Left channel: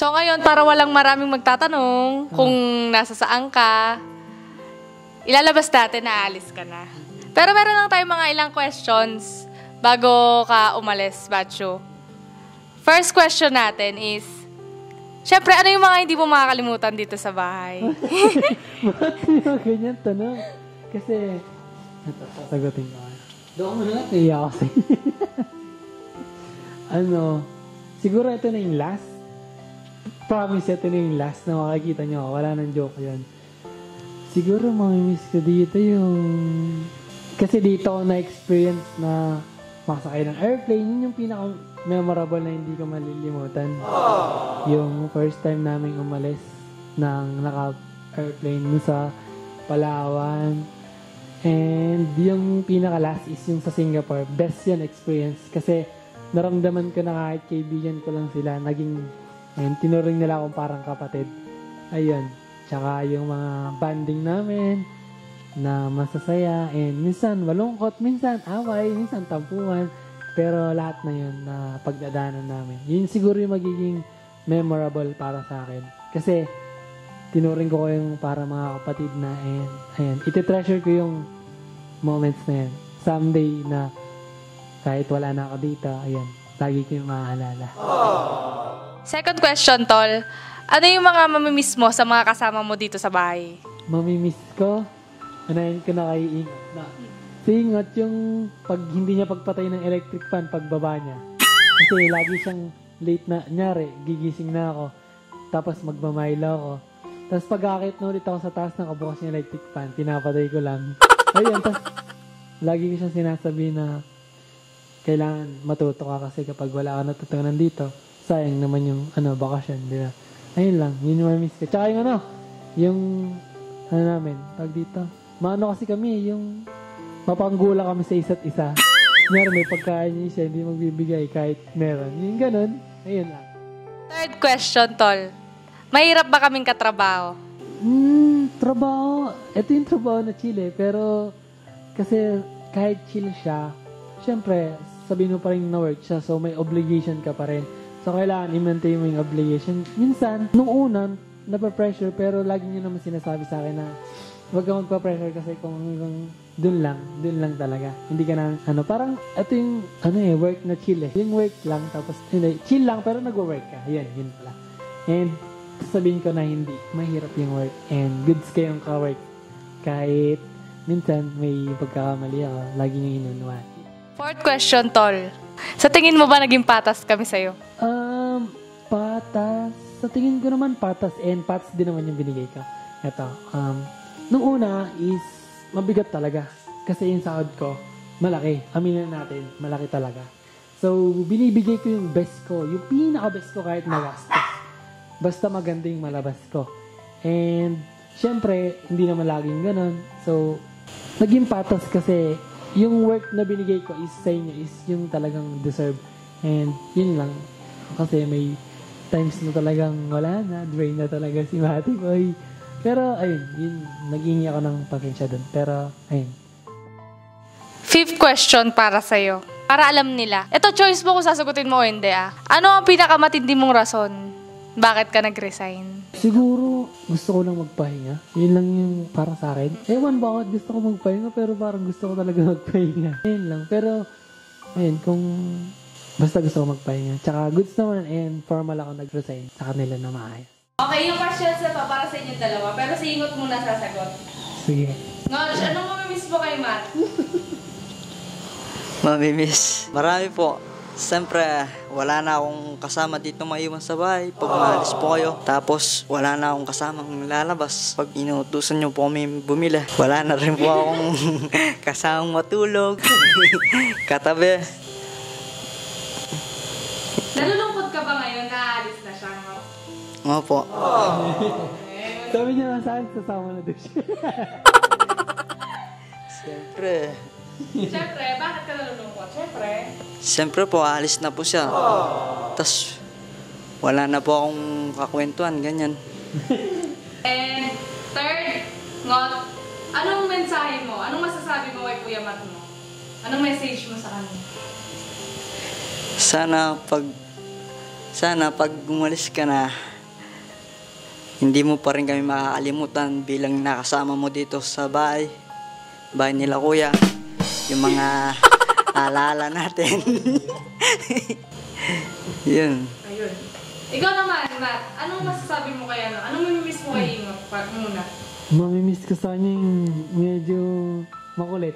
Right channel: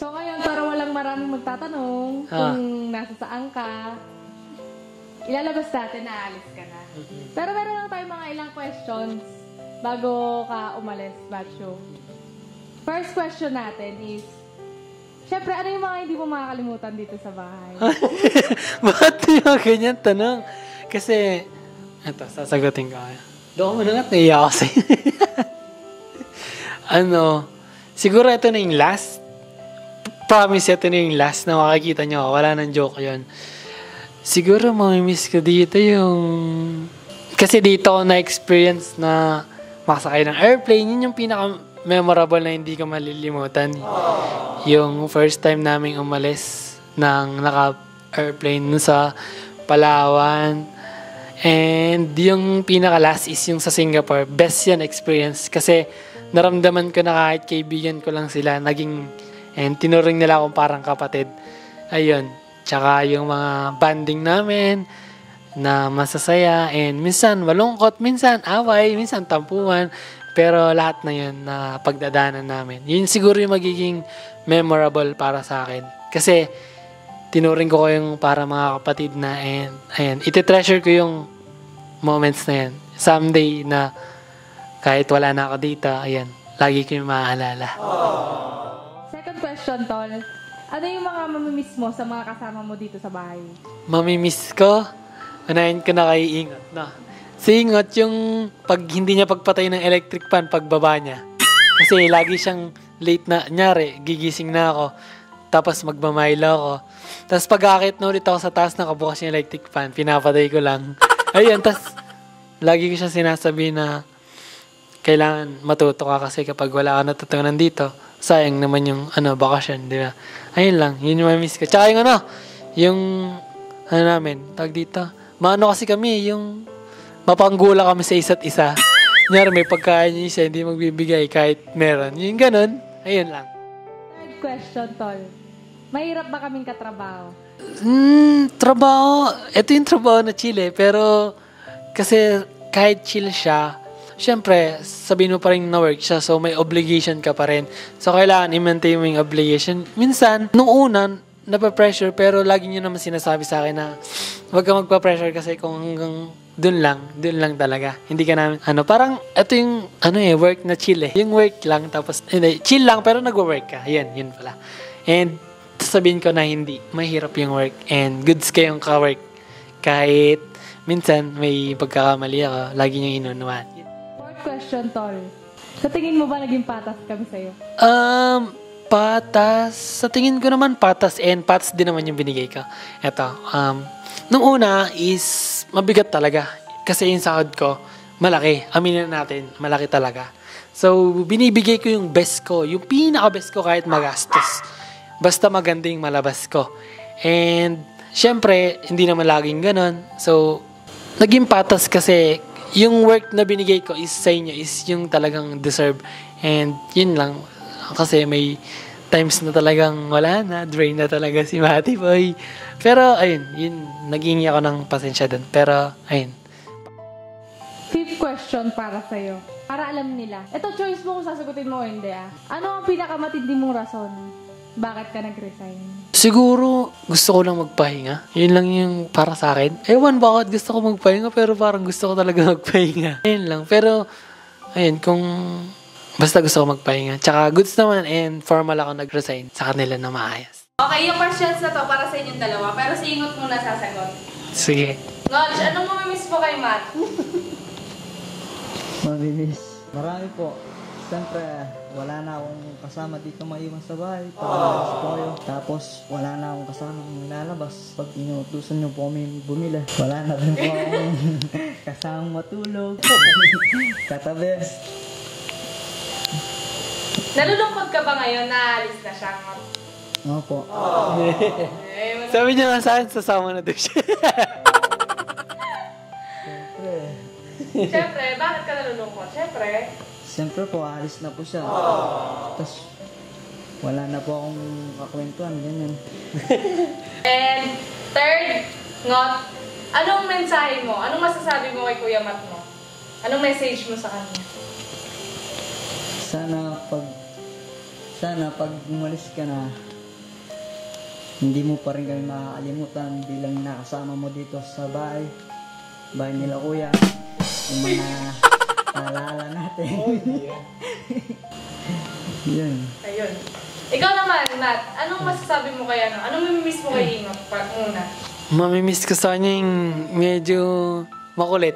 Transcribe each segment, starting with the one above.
So ngayon, para walang maraming magtatanong kung nasa saan ka, ilalabas natin na aalis ka na. Pero meron lang tayo mga ilang questions bago ka umalis, Batcho. First question natin is, syempre, ano yung mga hindi mo makakalimutan dito sa bahay? Bakit yung ganyan tanong? Kasi, ito, sasagutin ko. Doon mo na nga, naiya ako sa'yo. Siguro ito na yung last. Promise, ito na yung last na makakita nyo. Wala nang joke yun. Siguro mamimiss ko dito yung... Kasi dito ako na-experience na makasakay ng airplane. Yun yung pinaka-memorable na hindi ko malilimutan. Yung first time naming umalis ng naka-airplane sa Palawan. And yung pinaka-last is yung sa Singapore. Best yan experience. Kasi naramdaman ko na kahit kaibigan ko lang sila, and tinuring nila akong parang kapatid. Ayun. Tsaka yung mga banding namin na masasaya. And minsan malungkot, minsan away, minsan tampuhan. Pero lahat na yun na pagdadaanan namin. Yun siguro yung magiging memorable para sa akin. Kasi tinuring ko yung para mga kapatid na. And ayan, iti-treasure ko yung moments na yan. Someday na kahit wala na ako dito, ayan, lagi ko yung maaalala. Second question, Tol. Ano yung mga mamimiss mo sa mga kasama mo dito sa bahay? Mamimiss ko? Unahin ko na kay Ingot. No. Si Ingot, yung pag hindi niya pagpatay ng electric fan, pagbaba niya. Kasi lagi siyang late na, nyari, gigising na ako. Tapos magmamaylo ako. Tapos pag-akit na ulit ako sa taas, nakabukas yung electric fan, pinapatay ko lang. Ayun, tapos lagi ko siya sinasabi na kailangan matuto ka kasi kapag wala ka natutunan dito, sayang naman yung bakasyon, di ba? Ayun lang, yun yung miss ko. Tsaka yung namin, tawag dito, maano kasi kami, yung mapanggula kami sa isa't isa. Nyari, may pagkain yung isa, hindi magbibigay kahit meron. Yung ganun, ayun lang. Third question, Tol. Mahirap ba kaming katrabaho? Trabaho, ito yung trabaho na chill pero kasi kahit chill siya, syempre, sabihin mo pa rin na work siya, so may obligation ka pa rin. So, kailangan i-maintain mo yung obligation. Minsan, nung una, napapressure, pero lagi nyo naman sinasabi sa akin na huwag ka magpa-pressure kasi kung hanggang dun lang talaga. Hindi ka namin, parang, ito yung, work na chill Yung work lang, tapos, chill lang, pero nag-work ka. Yun pala. And, sabihin ko na hindi, mahirap yung work. And, goods kayong ka-work. Kahit, minsan, may pagkakamali ako, lagi nyo inunuan. Fourth question, Tol. Sa tingin mo ba naging patas kami sa'yo? Patas. Sa tingin ko naman patas and patas din naman yung binigay ko. Eto, nung una is mabigat talaga. Kasi yung sahod ko, malaki. Aminin natin, malaki talaga. So, binibigay ko yung best ko. Yung pinaka-best ko kahit magastos. Basta maganda yung malabas ko. And, syempre, hindi naman laging ganon. So, naging patas kasi yung work na binigay ko is sa inyo is yung talagang deserve. And yun lang. Kasi may times na talagang wala na. Drain na talaga si Matty Boy. Pero ayun, yun. Naging ako ng pasensya dun. Pero ayun. Fifth question para sa'yo. Para alam nila. Ito, choice mo kung sasagutin mo o hindi Ano ang pinakamatindi mong rason? Bakit ka nag-resign? Siguro, gusto ko lang magpahinga. Yun lang yung para sa akin. Ewan bakit gusto ko magpahinga, pero parang gusto ko talaga magpahinga. Ayun lang. Pero, ayun, kung basta gusto ko magpahinga. Tsaka goods naman and formal ako nag-resign sa kanila na maayos. Okay, yung questions na to para sa inyong dalawa. Pero si Ingot muna sasagot. Sige. Nodge, anong mamimiss po kay Matt? Mamimiss. Marami po. Siyempre, wala na akong kasama dito maiwan sa bahay. Pag umalis po kayo. Tapos, wala na akong kasamang lalabas. Pag inutusan nyo po kami bumili, wala na rin po akong kasamang matulog. Katabi. Nalulungkot ka ba ngayon na alis na siya? Opo. Sabi niya nga sa akin, sasama na doon siya. Siyempre. Siyempre, bakit ka nalulungkot? Siyempre po, alis na po siya. Tapos, wala na po akong kakwentuhan, ganyan. And third, Ngot, anong mensahe mo? Anong masasabi mo kay Kuya Matt mo? Anong message mo sa kanya? Sana pag umalis ka na, Hindi mo pa rin kami makakalimutan bilang nakasama mo dito sa bahay nila kuya. Yung mga alala natin. Yun. Ayun. Ikaw naman, Nat, anong masasabi mo kay ano? Anong mamimiss mo kay Ingo? Muna. Mamimiss ko sa kanya yung medyo makulit.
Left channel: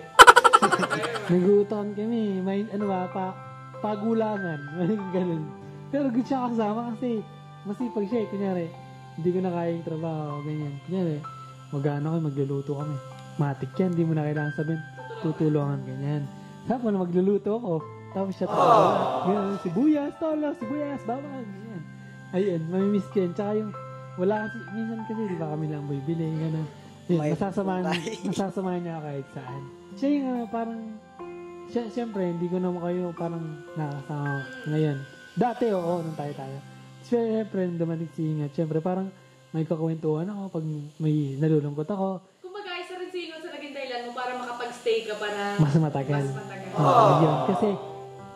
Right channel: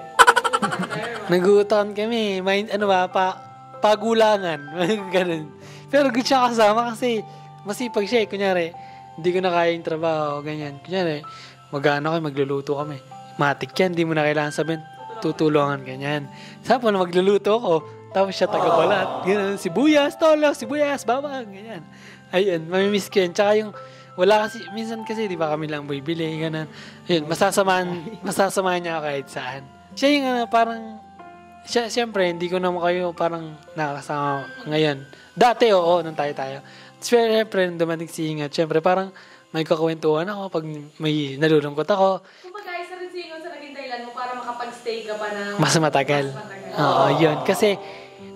Naguutan kami. Pagulangan. Ganun. Pero good siya kasama kasi masipag siya eh. Kunyari, hindi ko na kaya yung trabaho. Ganyan. Kunyari, magluluto kami. Matik yan. Hindi mo na kailangan sabihin, tutulungan. Ganyan. Sabi mo na magluluto ako. Tapos siya tagawala. Ganyan. Sibuyas, tolo, sibuyas, bawang. Ganyan. Ayun, mamimiss ko yun. Tsaka yung, wala kasi, minsan kasi, di ba kami lang bibili, ganun. Ayun, masasamahan niya kahit saan. Siya yung parang, siyempre, hindi ko naman kayo parang nakakasama ngayon. Dati, oo, nung tayo. Siyempre, nung dumating si Ingat, siyempre, parang may kakwentuhan ako pag may nalulungkot ako. Kumbaga, isa rin si Ingat sa naging dahilan mo para makapag-stay ka pa na Mas matagal. Oo, yun. Kasi,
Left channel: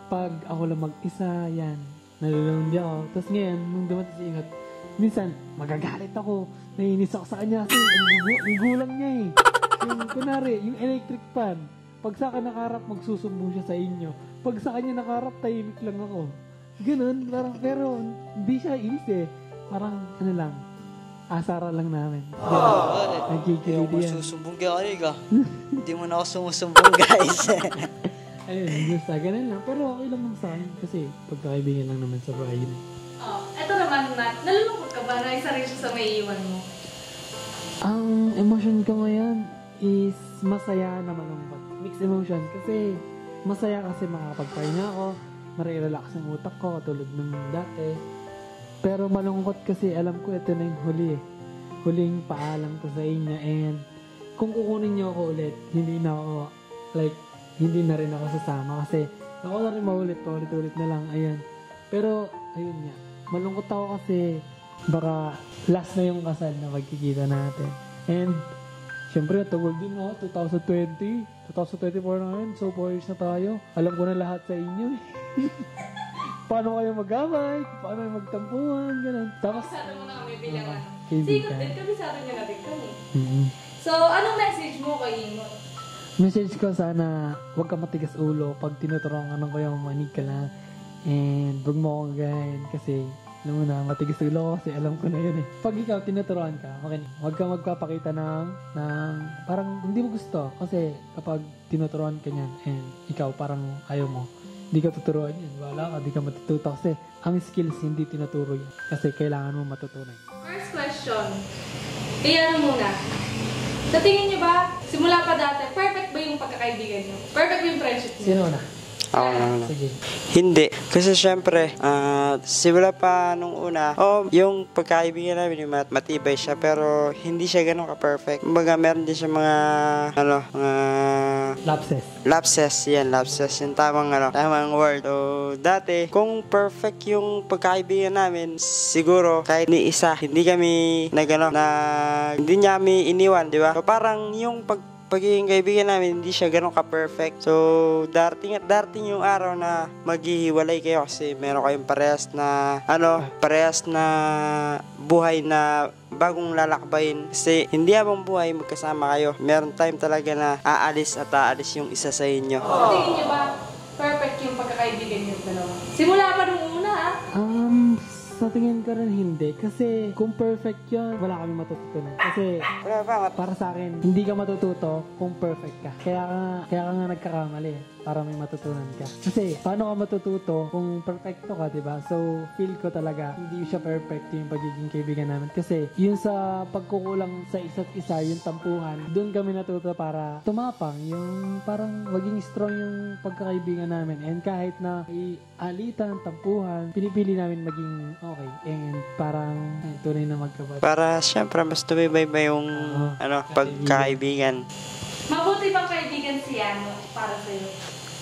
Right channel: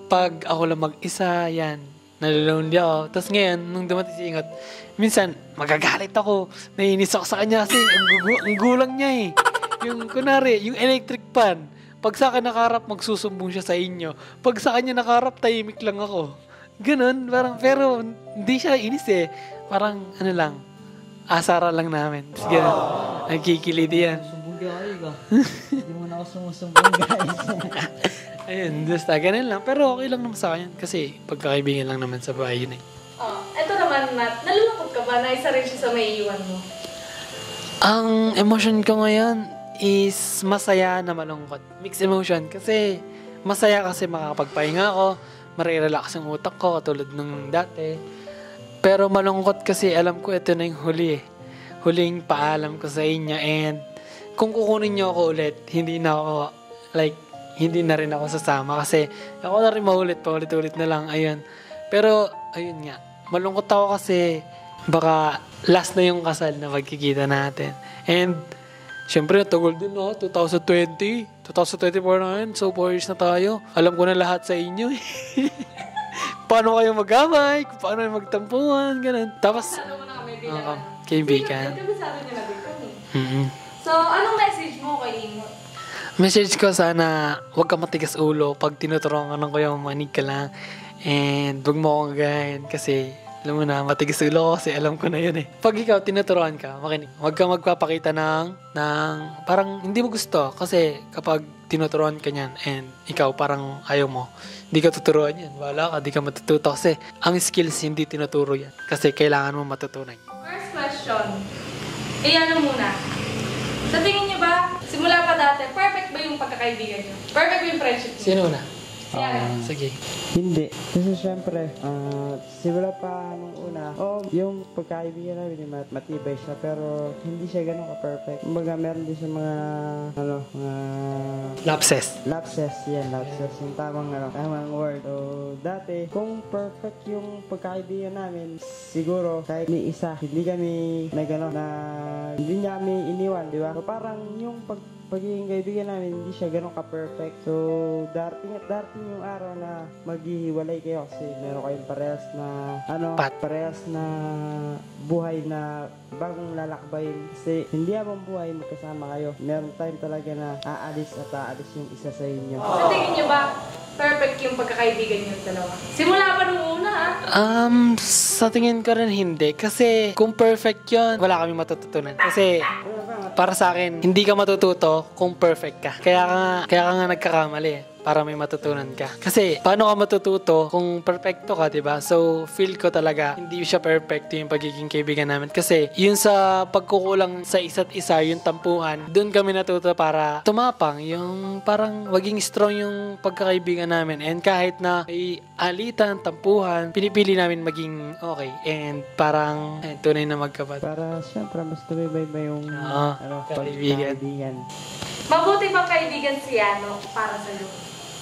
pag ako lang mag-isa, yan, nalulunod ako. Tapos ngayon, nung dumating si Ingat, minsan, magagalit ako. Naiinis ako sa kanya kasi ang gulang niya eh. Yung, kunwari, yung electric pan. Pag sa akin nakaharap, magsusumbong siya sa inyo. Pag sa kanya nakaharap, tahimik lang ako. Ganun, parang, pero hindi siya inis eh. Parang, ano lang, asara lang namin. Tapos ganun, nagkikiliti yan. Sumusumbong ka. Hindi mo na ako sumusumbong, guys. Ayun, gusto, ganun lang. Pero okay lang naman sa akin kasi pagkakaibigan lang naman sa bahay yun eh. Eto naman, Nat, nalulungkot ka ba na isa rin siya sa may iwan mo? Ang emotion ko ngayon is masaya na malungkot. Mixed emotion kasi masaya kasi makakapagpahinga ako, marirelax ang utak ko katulad ng dati. Pero malungkot kasi alam ko ito na yung huli eh. Huling paalam ko sa inyo and kung kukunin niyo ako ulit, hindi na rin ako sasama kasi ako na rin paulit-ulit na lang, ayun. Pero, ayun nga, malungkot ako kasi baka last na yung kasal na magkikita natin. And, syempre, tagal din, 2020, 2024 na yun, so 4 years na tayo. Alam ko na lahat sa inyo eh. Paano kayo mag-amay, paano kayo magtampuhan, ganun. Tapos, kaibigan. Sabi nila dito eh. Mm-hmm. So, anong message mo kay Ingo? Message ko sana, huwag ka matigas ulo pag tinuturuan ko yung manig ka lang. And huwag mo akong gagahin kasi alam mo na, matigas ulo ko kasi alam ko na yun eh. Pag ikaw tinuturuan ka, makinig. Huwag ka magpapakita ng parang hindi mo gusto kasi kapag tinuturuan ka niyan and ikaw parang ayaw mo, hindi ka tuturuan yan. Wala ka, di ka matututo kasi ang skills hindi tinuturo yan kasi kailangan mo matutunan. First question. Iyan muna. Sa tingin niyo ba, simula pa dati, perfect ba yung pagkakaibigan niyo? Perfect ba yung friendship niyo? Sino na? Sige. Hindi. Kasi syempre, simula pa nung una, yung pagkaibigan namin, yung matibay siya, pero hindi siya ganun ka-perfect. Kumbaga, meron din siya mga lapses, yung tamang word. So, dati, kung perfect yung pagkaibigan namin, siguro, kahit ni isa, hindi kami hindi niya kami iniwan, di ba? So, parang yung pagiging kaibigan namin, hindi siya ganun ka-perfect. So, darating yung araw na maghihiwalay kayo kasi meron kayong parehas na buhay na bagong lalakbayin. Kasi hindi habang buhay magkasama kayo. Meron time talaga na aalis yung isa sa inyo. Sa tingin niyo ba, perfect yung pagkakaibigan niyo dalawa? Simula pa nung una sa tingin ko rin hindi. Kasi kung perfect yun, wala kami matututunan. Kasi para sa akin, hindi ka matututo kung perfect ka. Kaya ka nga nagkakamali para may matutunan ka. Kasi paano ka matututo kung perfecto ka, diba? So, feel ko talaga hindi siya perfecto yung pagiging kaibigan namin. Kasi yun sa pagkukulang sa isa't isa, yung tampuhan, dun kami natuto para tumapang. Yung parang maging strong yung pagkakaibigan namin. And kahit na may alitan, tampuhan, pinipili namin maging okay. And parang tunay na magkapatid. Para syempre mas tumibay ba yung pagkaibigan. Mabuti bang kaibigan si Yano para sa'yo?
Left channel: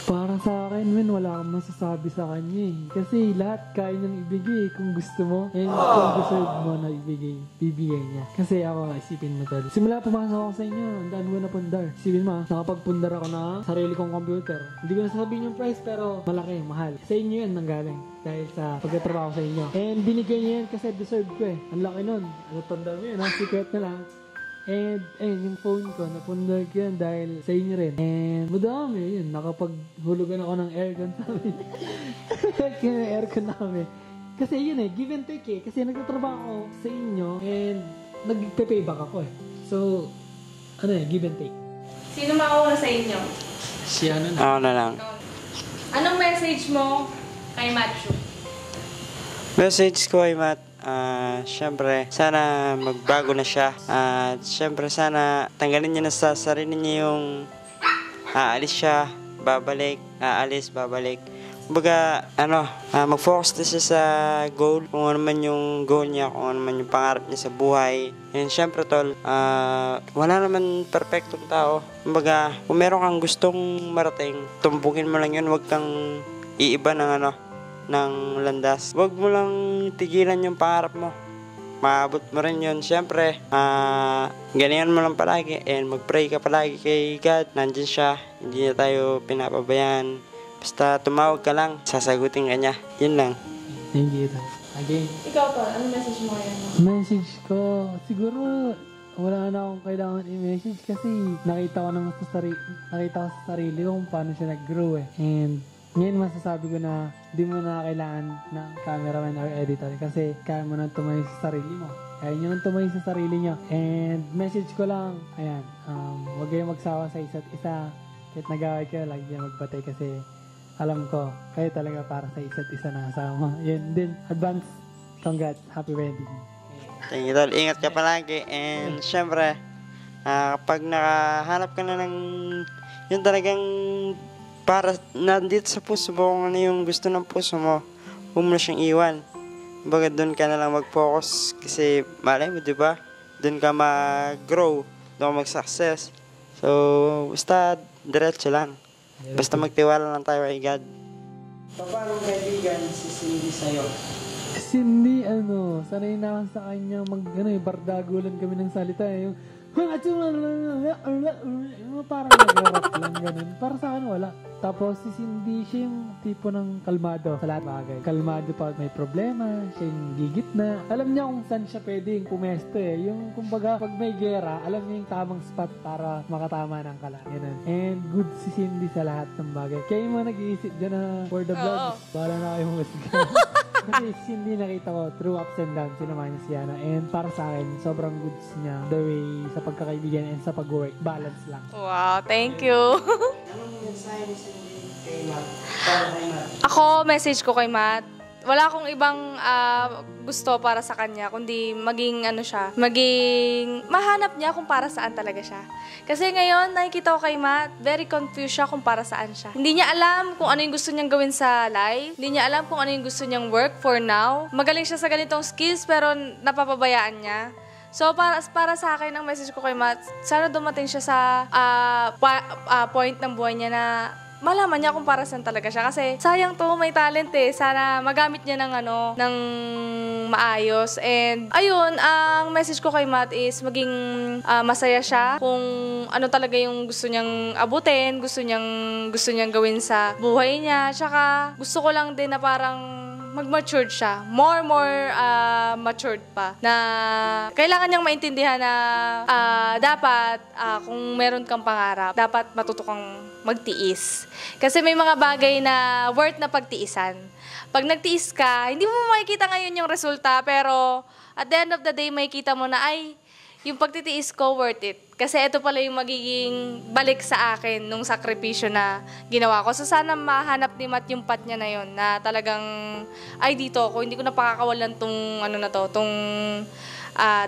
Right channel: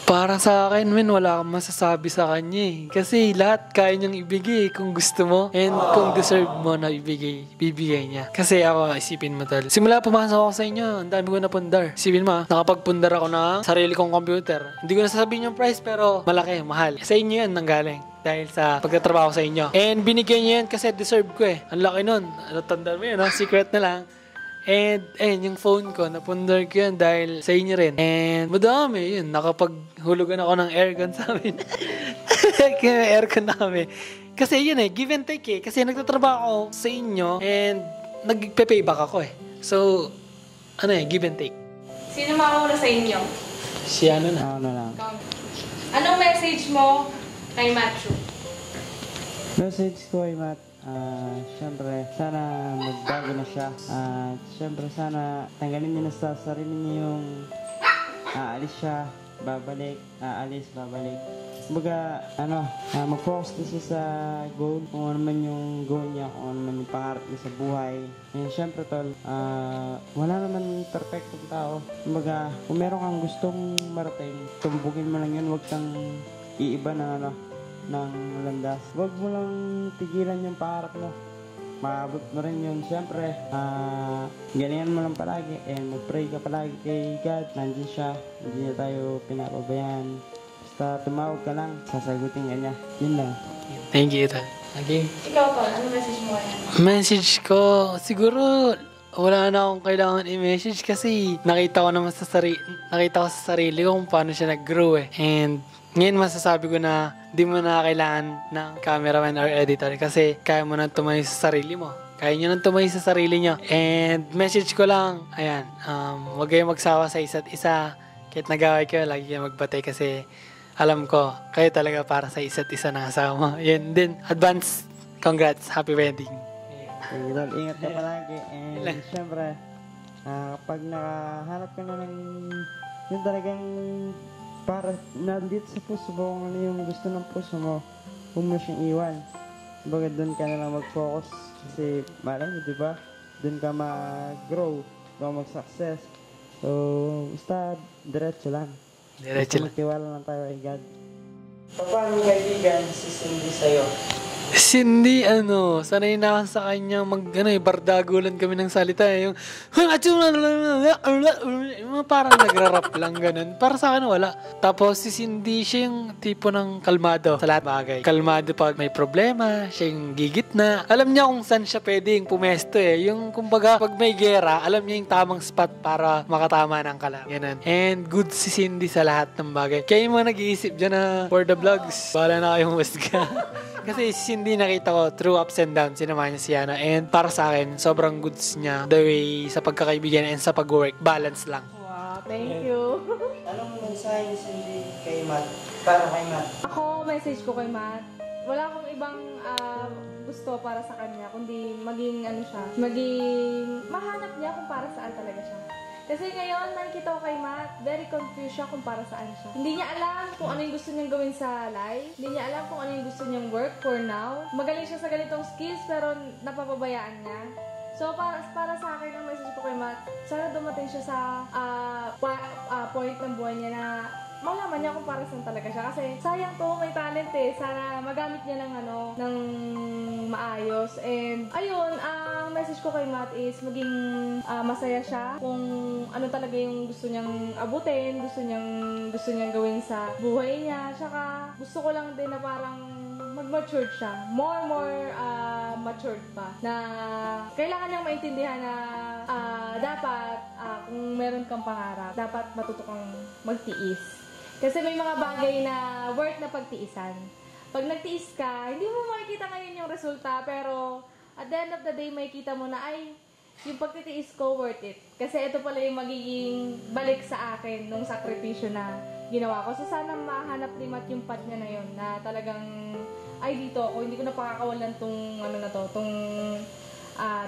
Para sa akin, wala kang masasabi sa kanya eh. Kasi lahat kaya niyang ibigay kung gusto mo. And kung deserve mo na bibigay niya. Kasi ako, isipin mo tol. Simula pumasok ako sa inyo, ang dami ko napundar. Isipin mo, nakapagpundar ako ng sarili kong computer. Hindi ko na sasabihin yung price, pero malaki, mahal. Sa inyo yan nanggaling. Dahil sa pagtatrabaho sa inyo. And binigyan niyo yan kasi deserve ko eh. Ang laki nun. Ano, tanda mo yun, secret na lang. And, ayun, yung phone ko, napundar ko yan dahil sa inyo rin. And, madami, yun, nakapaghulugan ako ng aircon sa amin. Kaya may aircon na kami. Kasi yun give and take eh. Kasi nagtatrabaho ako sa inyo and nagpe-payback ako eh. So, give and take. Sino mauna sa inyo? Si ano na? Ako na lang. Anong message mo kay Matthew? Message ko ay syempre, sana magbago na siya. At syempre, sana tanggalin niya na sa sarili niya yung aalis siya, babalik, aalis, babalik. Kumbaga, mag-focus na siya sa goal, kung ano man yung goal niya, kung ano man yung pangarap niya sa buhay. And syempre, tol, wala naman perfectong tao. Kumbaga, kung meron kang gustong marating, tumpukin mo lang yun, wag kang iiba ng landas. Huwag mo lang tigilan yung pangarap mo. Maabot mo rin yun. Siyempre, ganyan mo lang palagi and mag-pray ka palagi kay God. Nandiyan siya. Hindi niya tayo pinapabayaan. Basta tumawag ka lang, sasagutin ka niya. Yun lang. Thank you, Tal. Ading. Ikaw pa, anong message mo kay Message ko, siguro wala na akong kailangan i-message kasi nakita ko sa sarili ko kung paano siya nag-grow eh. And ngayon masasabi ko na di mo na kailangan ng cameraman or editor kasi kaya mo nang tumayo sa sarili mo. Kaya nyo nang tumayo sa sarili nyo. And message ko lang, ayan, huwag kayong magsawa sa isa't isa. Kahit nag-away kayo, lagi kayo magbatay kasi alam ko, kayo talaga para sa isa't isa na kasama. Yan din, advance, congrats, happy wedding. Thank you, tol. Ingat ka palagi. And syempre, kapag nakahanap ka na ng yun talagang para nandito sa puso mo, kung ano yung gusto ng puso mo, huwag mo na siyang iwan. Baga doon ka na lang mag-focus kasi malay mo, di ba? Doon ka mag-grow, doon ka mag-success. So, basta diretso lang. Basta magtiwala lang tayo kay God. Paano kaibigan si Cindy sa'yo? Cindy, sanay na ako sa kanya bardagulan kami ng salita eh. Yung parang nagra-rap lang ganun. Para sa akin, wala. Tapos si Cindy, siya yung tipo ng kalmado sa lahat bagay. Kalmado pag may problema, siya yung gigitna. Alam niya kung saan siya pwedeng pumesto eh. Yung kumbaga, pag may gera, alam niya yung tamang spot para makatama ng kalam. Ganun. And good si Cindy sa lahat ng bagay. Kaya yung mga nag-iisip dyan na for the vlogs, bahala na kayong musga. Kasi si Cindy nakita ko through ups and downs, sinamahan niya si Yana. And para sa akin, sobrang goods niya the way sa pagkakaibigan and sa pag-work. Balance lang. Wow, thank you. Anong mensahe ni Cindy kay Matt? Para kay Matt? Ako, message ko kay Matt, wala akong ibang gusto para sa kanya, kundi maging mahanap niya kung para saan talaga siya. Kasi ngayon, nakikita ko kay Matt, very confused siya kung para saan siya. Hindi niya alam kung ano yung gusto niyang gawin sa life. Hindi niya alam kung ano yung gusto niyang work for now. Magaling siya sa ganitong skills, pero napapabayaan niya. So, para sa akin, ang message ko kay Matt, sana dumating siya sa point ng buhay niya na malaman niya kung para saan talaga siya. Kasi sayang to, may talent eh. Sana magamit niya ng maayos. And ayun, ang message ko kay Matt is maging masaya siya kung ano talaga yung gusto niyang abutin, gusto niyang gawin sa buhay niya. Tsaka gusto ko lang din na parang mag-matured siya. More matured pa. Na kailangan niyang maintindihan na dapat kung meron kang pangarap, dapat matuto kang magtiis. Kasi may mga bagay na worth na pagtiisan. Pag nagtiis ka, hindi mo makikita ngayon yung resulta, pero at the end of the day, makikita mo na, ay, yung pagtitiis ko, worth it. Kasi ito pala yung magiging balik sa akin nung sakripisyo na ginawa ko. So sana mahanap ni Matt yung path niya na yun, na talagang, ay dito ako, hindi ko na pakakawalan tong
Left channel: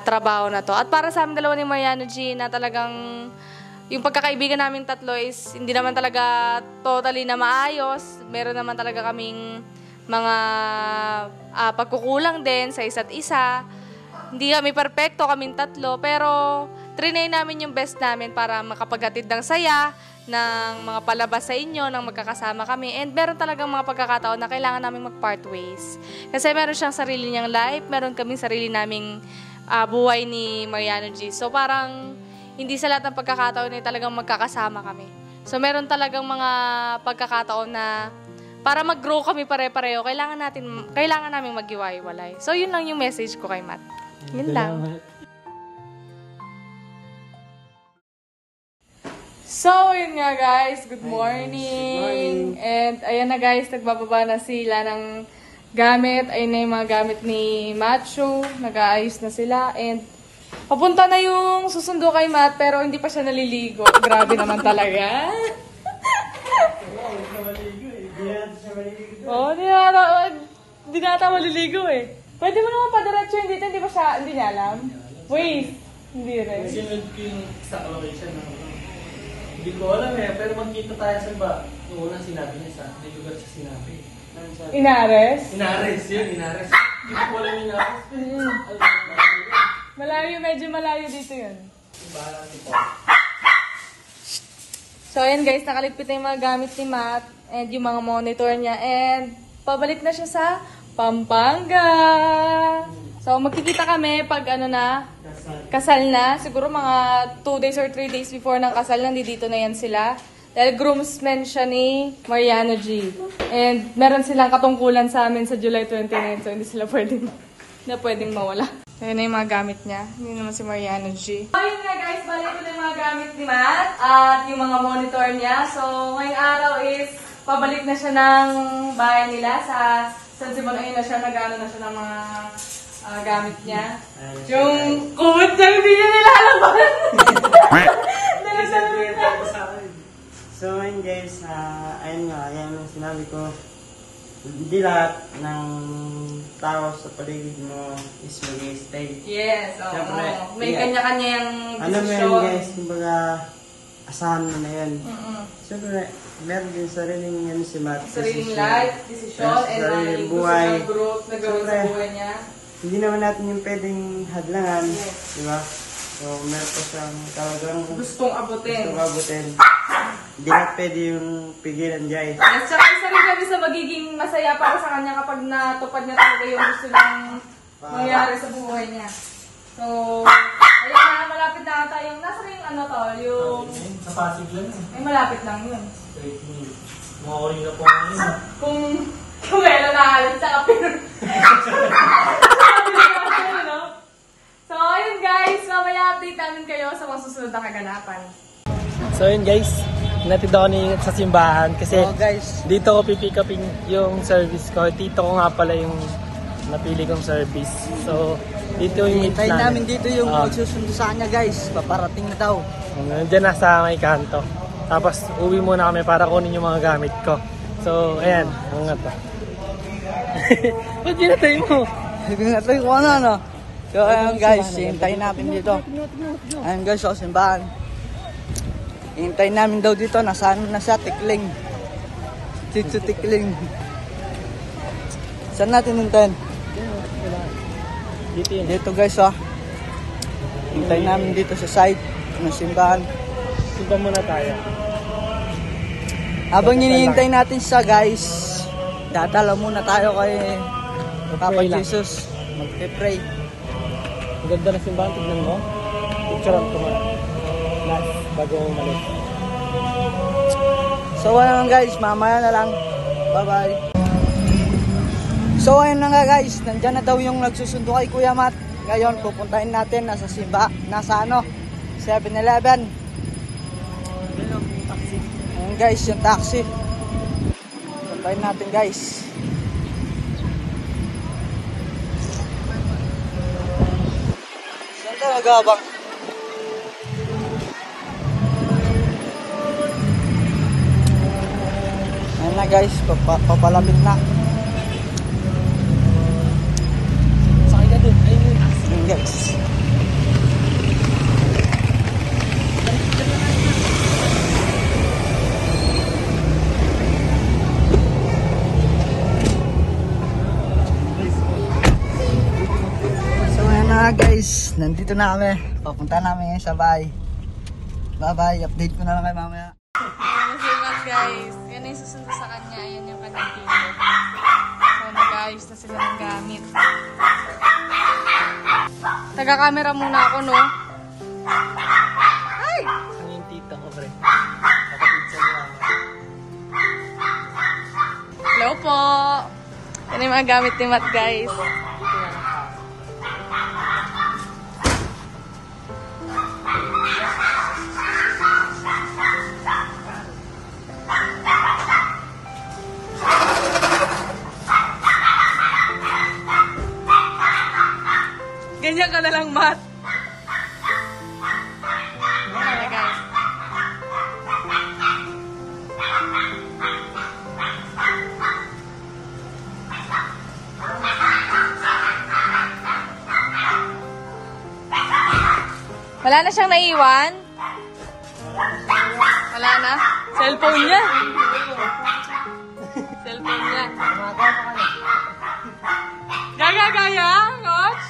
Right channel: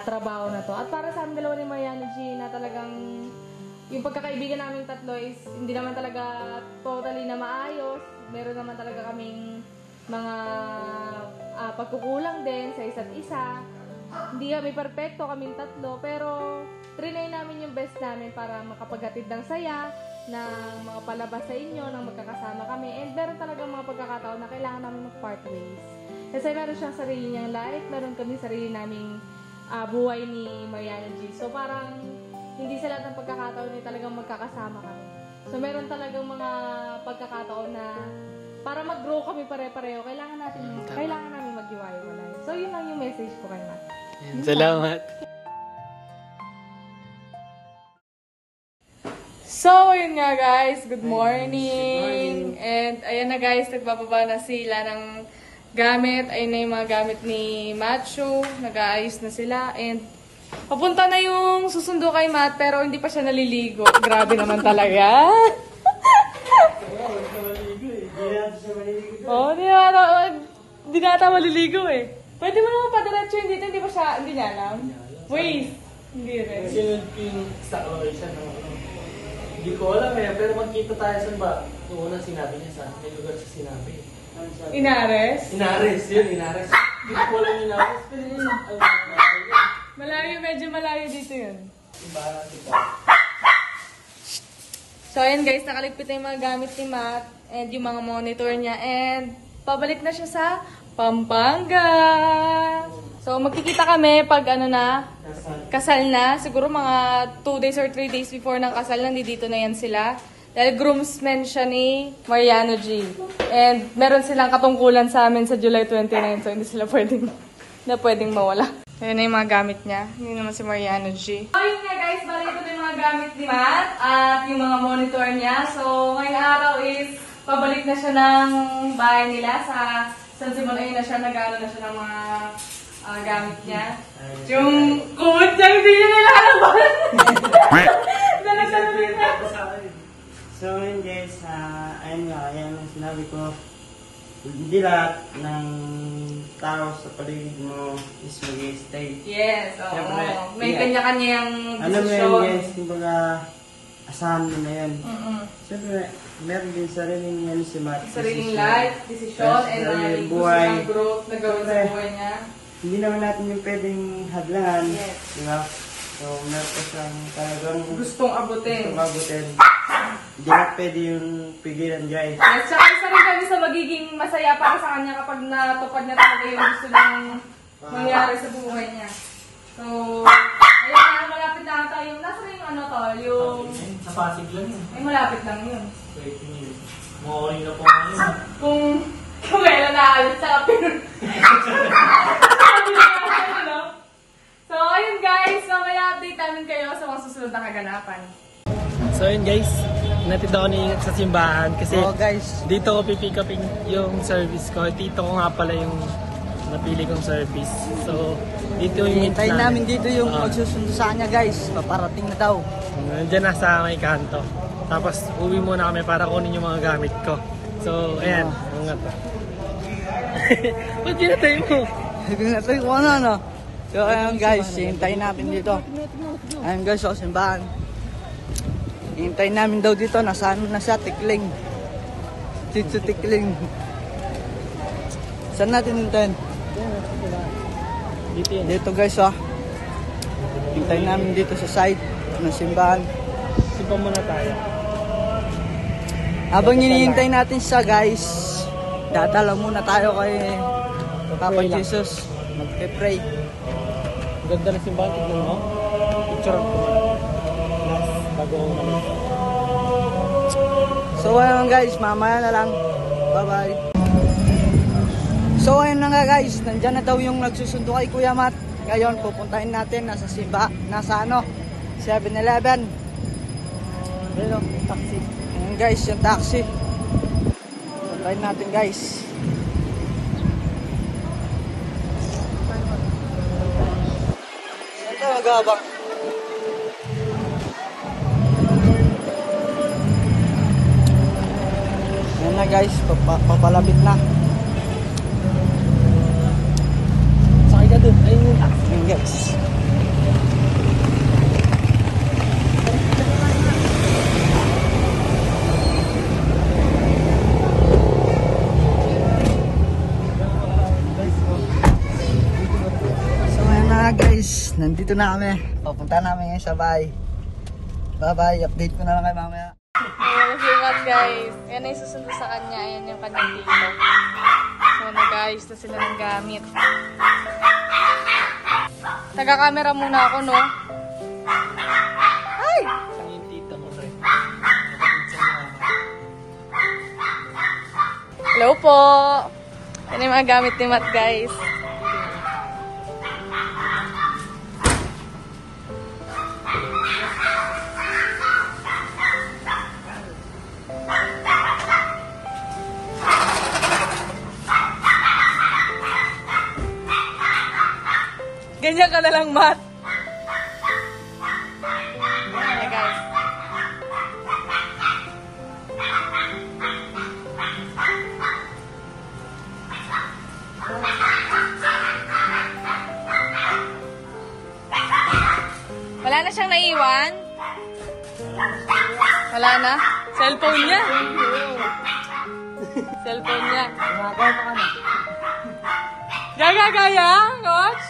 trabaho na to. At para sa amin dalawa ni Mariano G, na talagang yung pagkakaibigan naming tatlo is hindi naman talaga totally na maayos. Meron naman talaga kaming mga pagkukulang din sa isa't isa. Hindi kami perfecto, kaming tatlo, pero trinay namin yung best namin para makapaghatid ng saya, ng mga palabas sa inyo, ng magkakasama kami. And meron talagang mga pagkakataon na kailangan namin mag-part ways. Kasi meron siyang sarili niyang life, meron kaming sarili naming buhay ni Mariano G. So parang hindi sa lahat ng pagkakataon ay talagang magkakasama kami. So meron talagang mga pagkakataon na para mag-grow kami pare-pareho, kailangan namin mag-iwalay. So yun lang yung message ko kay Matt. Yun Salamat. So, yun nga guys, good morning. And ayan na guys, nagbababa na sila ng gamit. Ayun na yung mga gamit ni Macho. Nag-aayos na sila. And papunta na yung susundo kay Matt, pero hindi pa siya naliligo. Grabe naman talaga. Oo, hindi na ata maliligo eh. Pwede mo naman padiretso yun dito, hindi niya alam. Wait, hindi rin. Kasi nag-king sa siya ng hindi ko alam pero magkita tayo sa ba? Noong unang sinabi niya may lugar sa sinabi. Inares? Inares. Hindi ko alam Inares. Medyo malayo dito yun. So, ayan guys, nakaligpit na yung mga gamit ni Matt and yung mga monitor niya and pabalik na siya sa Pampanga. So, magkikita kami pag kasal na. Siguro mga 2 days or 3 days before ng kasal, nandito na yan sila. Dahil groomsmen siya ni Mariano G. And meron silang katungkulan sa amin sa July 29, so hindi sila pwedeng mawala. Ayan na yung mga gamit niya. Hindi naman si Mariano G. So, yun nga guys, balik ko na yung mga gamit ni Matt at yung mga monitor niya. So, ngayong araw is pabalik na siya ng bahay nila sa San Simon. Ayun na siya, nag-ano na siya ng mga gamit niya. Yung kumot niya, hindi niya nilalaban. So ngayon guys, ayun ang sinabi ko. Hindi lahat ng tao sa paligid mo is mag-stay. Yes, oo. Siyempre, May kanya-kanyang desisyon. Ano mo yun guys, kumbaga asahan mo na yun. Siyempre, meron din sariling yan si Matt. Sariling life, desisyon, and sariling gusto buhay. ng growth sa buhay niya. Hindi naman natin yung pwedeng hadlangan. Yes. Di ba? So, meron ko siyang talagang Gustong abutin. Hindi na pwede yung pigilan dyan. Yes, saka isa rin kami sa magiging masaya para sa kanya kapag natupad niya talaga yung gusto niyang mangyari sa buhay niya. So, ayun na, malapit na tayo. Nasa rin yung Sa Pasig lang Ay, malapit lang yun. Wait minute. Mukha na po ngayon. Kung kailan naalit sa kapin. So, ayun guys. Mamaya update namin kayo sa mga susunod na kaganapan. So yun guys, natid ako sa simbahan kasi guys, dito ko pipick upin yung service ko. Dito ko nga pala yung napili kong service. So, dito yung hintayin namin dito yung magsusundo sa kanya guys. Paparating na daw. Nandiyan na sa may kanto. Tapos, uwi muna kami para kunin yung mga gamit ko. So, ayan. Ano nga to? Ba't ginatay mo? Ginatay ko ano. So, ayan guys, hintayin namin dito. Ayan guys, sa simbahan. Hintayin namin daw dito. Nasaan na siya? Tikling. Chichu Tikling. Saan natin hintayin? Dito guys, hintayin namin dito sa side ng simbahan. Simbahan muna tayo. Habang hinihintay natin siya guys, dadala muna tayo kay Papa Jesus. Magpe-pray. Ganda ng simbahan. Tignan mo. Picture of ko. Bago umalis. So ayun guys, mamaya na lang. Bye-bye. So ayun na nga guys, nandiyan na daw yung nagsusundo kay Kuya Matt. Ngayon pupuntahin natin nasa 7-Eleven. Ayun o, yung taxi. Ayun guys, yung taxi. Pupuntahin natin guys. Saan tayo nag-aabang? Ayun na guys, papalapit na. Sakay ka din. Ayun yung taxi. Ayun guys. So ayan na guys. guys, nandito na kami. Papunta namin ngayon sa bahay. Bye-bye, update ko na lang kayo mamaya. Ayan si Matt, guys. Yan na yung susundo sa kanya. Ayan yung kanyang dito. So, guys, na sila ng gamit. Taga-camera muna ako, no? Ay! Ang yung tita ko, pre. Kapatid sa mama. Hello po! Yan yung mga gamit ni Matt, guys. Ganyan ka na lang, Matt. Ayan, guys. Wala na siyang naiwan? Wala na? Cellphone niya. Cellphone niya. Gagagaya, Coach?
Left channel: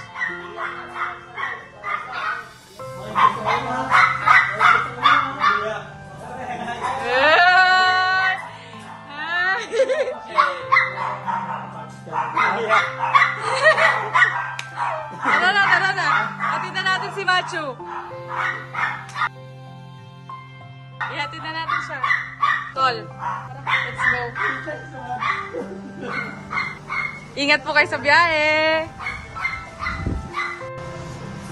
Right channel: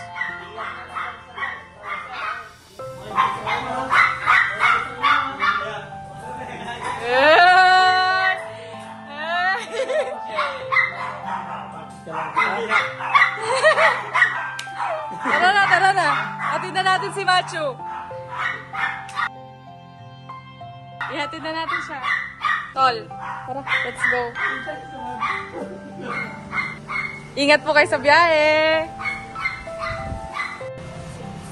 Tara na. Hatid na natin si Machu. Ihatid na natin siya. Tol, tara, let's go. Ingat po kayo sa biyahe.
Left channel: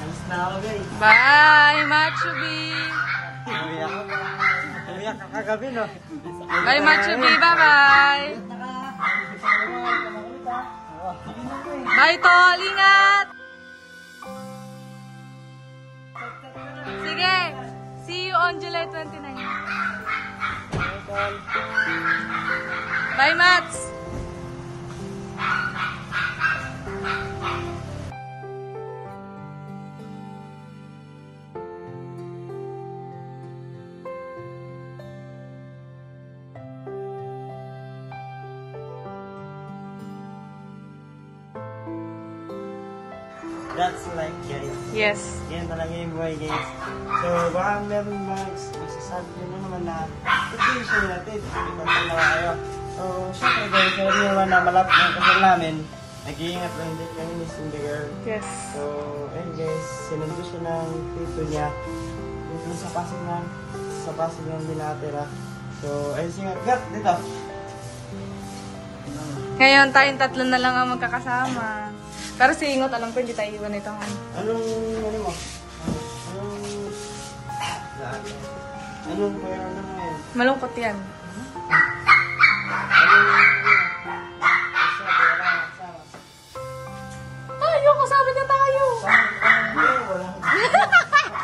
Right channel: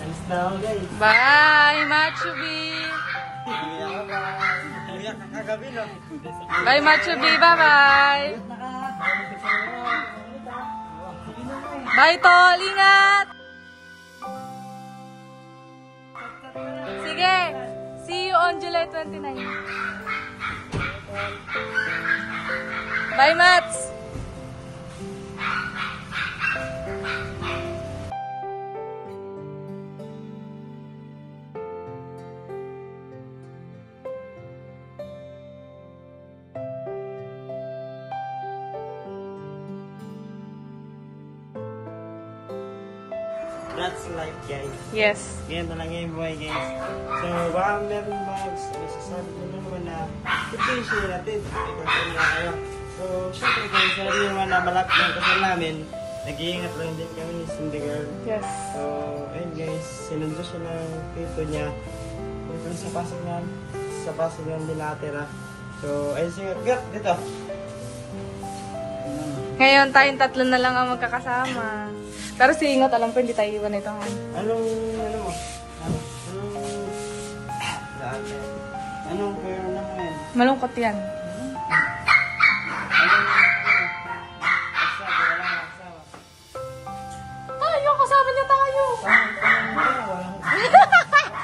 Alas na ako, guys. Bye, Machu B. Bye, Machu B. Bye-bye. Bye, Tol. Ingat. Sige. See you on July 29. Bye, Mats. That's life, guys. Yes. Ganyan talaga yung buhay, guys. So, baka meron mga masasabi nyo naman na situation natin. Ipagpapala na kayo. So, syempre guys, meron naman na malapit ng kasal namin. Nag-iingat lang din kami ni Cindy Girl. Yes. So, ayun guys, sinundo siya ng pito niya. Yung sa pasok ng binatira. So, ayun siguro. Gat, dito. Ngayon, tayong tatlo na lang ang magkakasama. Pero si Ingot, alam ko hindi tayo iwan ito. Anong pera naman? Malungkot yan. Tayo, kasama niya tayo.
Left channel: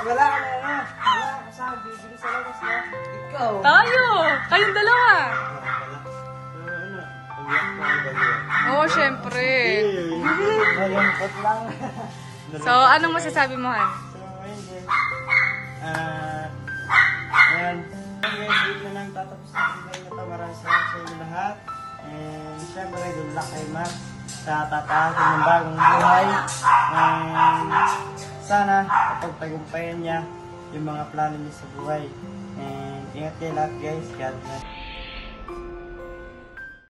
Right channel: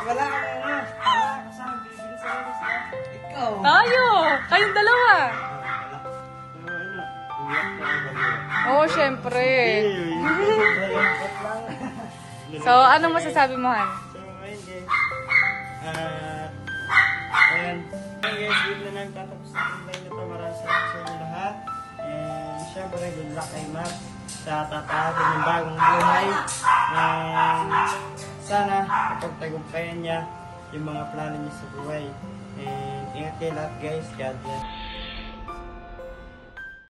Wala ka na. Wala kasama. Bibili sa labas na. Ikaw. Tayo. Kayong dalawa. Oo, syempre. So, anong masasabi mo, Han? So, ayun guys. Ayun. Guys, dito na nagtatapos na yung na ito. Maraming salamat sa inyo lahat. And syempre, good luck kay Matt sa tatahasin ng bagong buhay. And sana, kapagtagumpayan niya yung mga plano niya sa buhay. And ingat kayo lahat guys. God bless.